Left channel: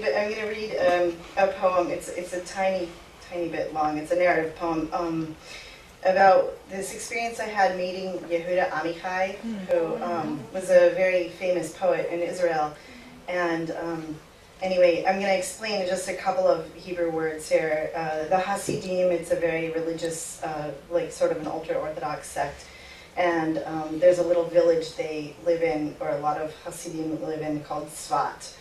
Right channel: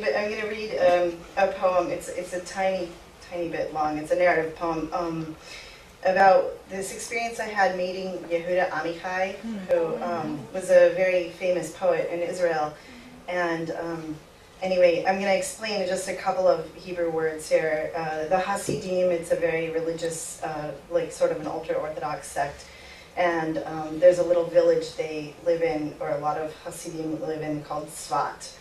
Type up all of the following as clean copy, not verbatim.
but I'm going to read a poem. It's a tiny bit long. It's a narrative poem about this experience I had meeting Yehuda Amichai, who was a very famous poet in Israel. And anyway, I'm going to explain just a couple of Hebrew words here. The Hasidim, it's a very religious, like sort of an ultra-Orthodox sect. And there's a little village they live in, or a lot of Hasidim live in, called Tzvat.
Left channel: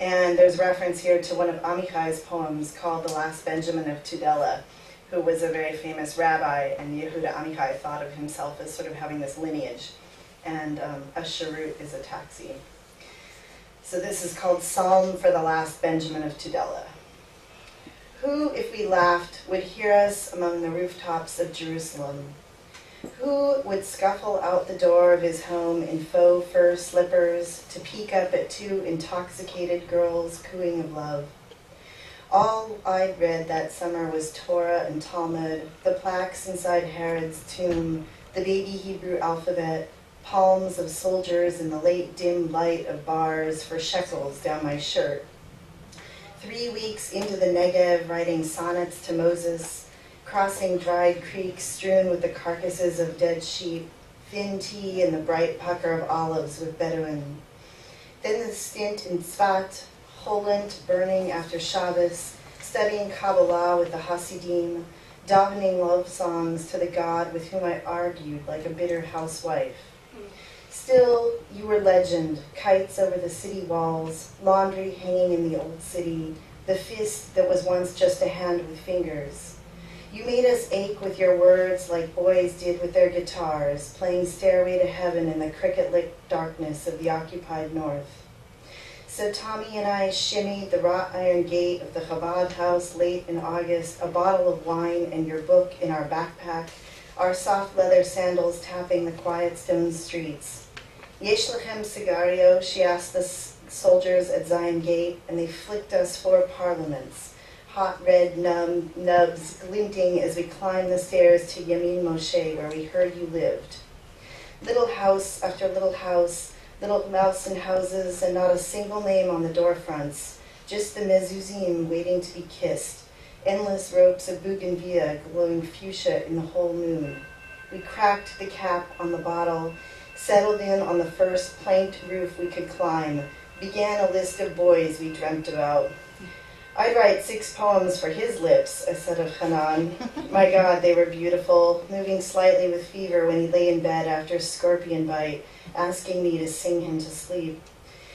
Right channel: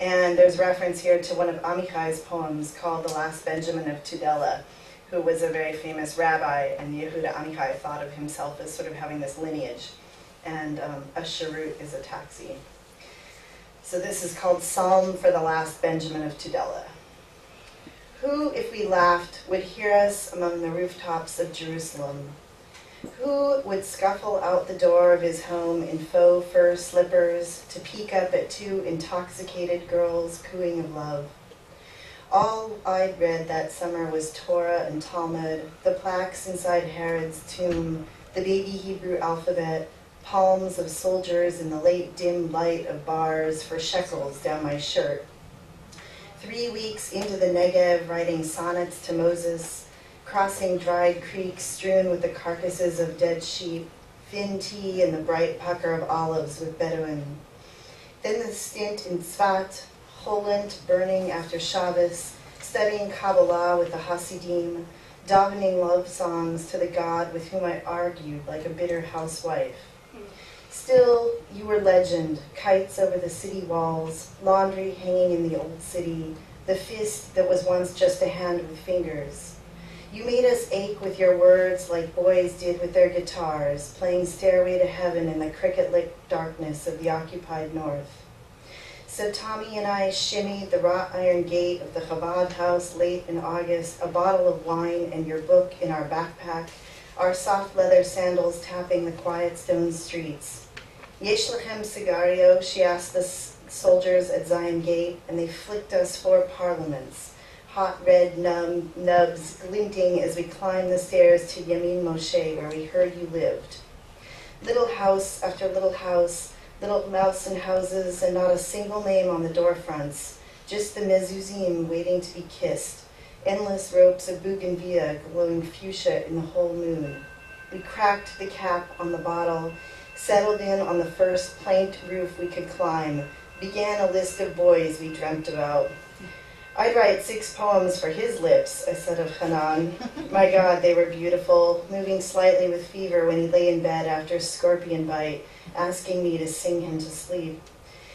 And there's reference here to one of Amichai's poems called The Last Benjamin of Tudela, who was a very famous rabbi, and Yehuda Amichai thought of himself as sort of having this lineage. And a cherut is a taxi. So this is called Psalm for the Last Benjamin of Tudela. Who, if we laughed, would hear us among the rooftops of Jerusalem? Who would scuffle out the door of his home in faux fur slippers to peek up at two intoxicated girls cooing of love? All I'd read that summer was Torah and Talmud, the plaques inside Herod's tomb, the baby Hebrew alphabet, palms of soldiers in the late dim light of bars for shekels down my shirt. 3 weeks into the Negev, writing sonnets to Moses, crossing dried creeks strewn with the carcasses of dead sheep, thin tea and the bright pucker of olives with Bedouin. Then the stint in Tzvat, Holland burning after Shabbos, studying Kabbalah with the Hasidim, davening love songs to the God with whom I argued like a bitter housewife. Still, you were legend, kites over the city walls, laundry hanging in the old city, the fist that was once just a hand with fingers. You made us ache with your words like boys did with their guitars, playing Stairway to Heaven in the cricket-lit darkness of the occupied north. So Tommy and I shimmied the wrought iron gate of the Chabad house late in August, a bottle of wine and your book in our backpack, our soft leather sandals tapping the quiet stone streets. Yesh lechem sigario, she asked the soldiers at Zion Gate, and they flicked us 4 parliaments. Hot red nubs glinting as we climbed the stairs to Yamin Moshe, where we heard you lived. Little house after little house, little mouse and houses, and not a single name on the door fronts, just the mezuzim waiting to be kissed, endless ropes of bougainvillea glowing fuchsia in the whole moon. We cracked the cap on the bottle, settled in on the first planked roof we could climb, began a list of boys we dreamt about. I'd write 6 poems for his lips, I said of Hanan. My God, they were beautiful, moving slightly with fever when he lay in bed after a scorpion bite, asking me to sing him to sleep.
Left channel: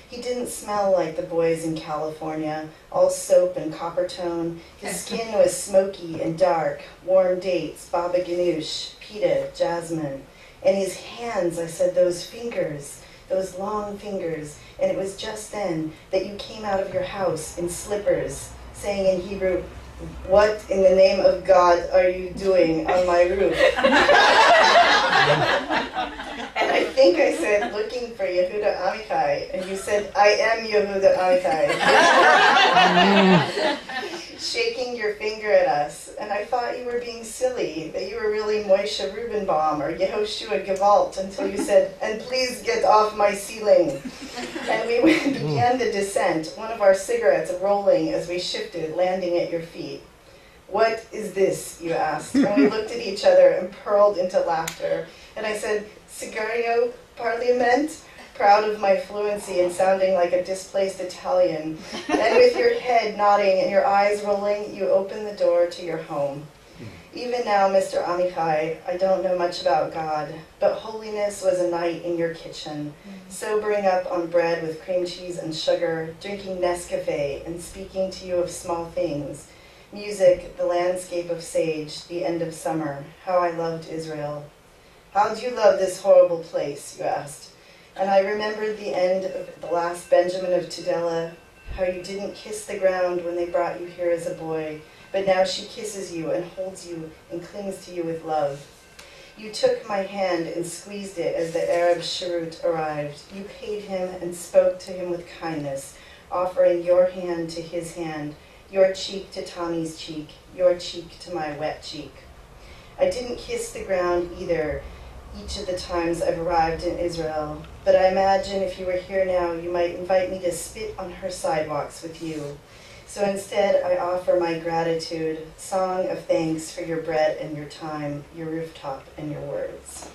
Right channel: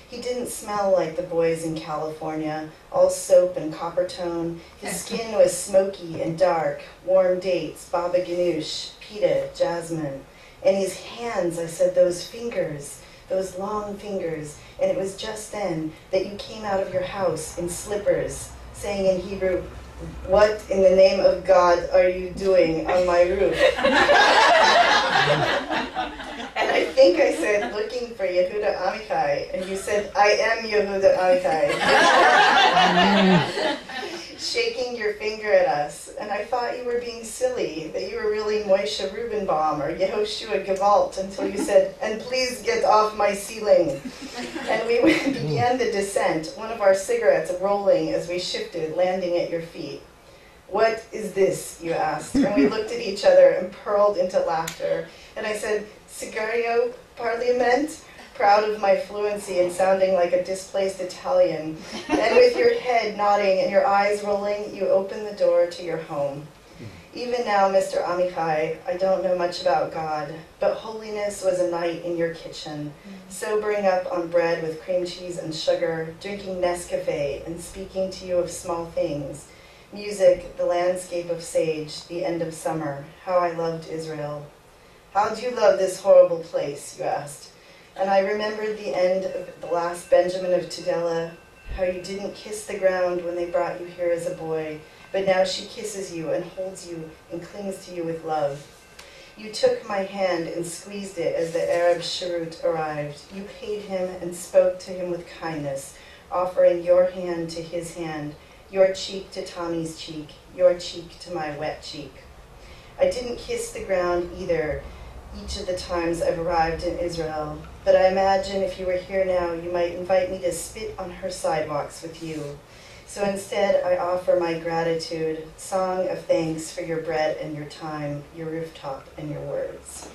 He didn't smell like the boys in California, all soap and copper tone. His skin was smoky and dark, warm dates, baba ganoush, pita, jasmine. And his hands, I said, those fingers, those long fingers. And it was just then that you came out of your house in slippers, saying in Hebrew, "What in the name of God are you doing on my roof?" And I think I said, "Looking for Yehuda Amichai." And you said, "I am Yehuda Amichai." Shaking your finger at us. And I thought you were being silly, that you were really Moshe Rubenbaum or Yehoshua Gewalt, until you said, "And please get off my ceiling." And we began the descent, one of our cigarettes rolling as we shifted, landing at your feet. "What is this?" you asked. And we looked at each other and purled into laughter. And I said, "Cigario Parliament?" proud of my fluency and sounding like a displaced Italian. And with your head nodding and your eyes rolling, you opened the door to your home. Even now, Mr. Amichai, I don't know much about God, but holiness was a night in your kitchen, sobering up on bread with cream cheese and sugar, drinking Nescafe and speaking to you of small things. Music, the landscape of sage, the end of summer, how I loved Israel. "How do you love this horrible place?" you asked. And I remembered the end of The Last Benjamin of Tudela, how you didn't kiss the ground when they brought you here as a boy, but now she kisses you and holds you and clings to you with love. You took my hand and squeezed it as the Arab cherut arrived. You paid him and spoke to him with kindness, offering your hand to his hand, your cheek to Tommy's cheek, your cheek to my wet cheek. I didn't kiss the ground either, each of the times I've arrived in Israel. But I imagine if you were here now, you might invite me to spit on her sidewalks with you. So instead, I offer my gratitude, song of thanks for your bread and your time, your rooftop and your words.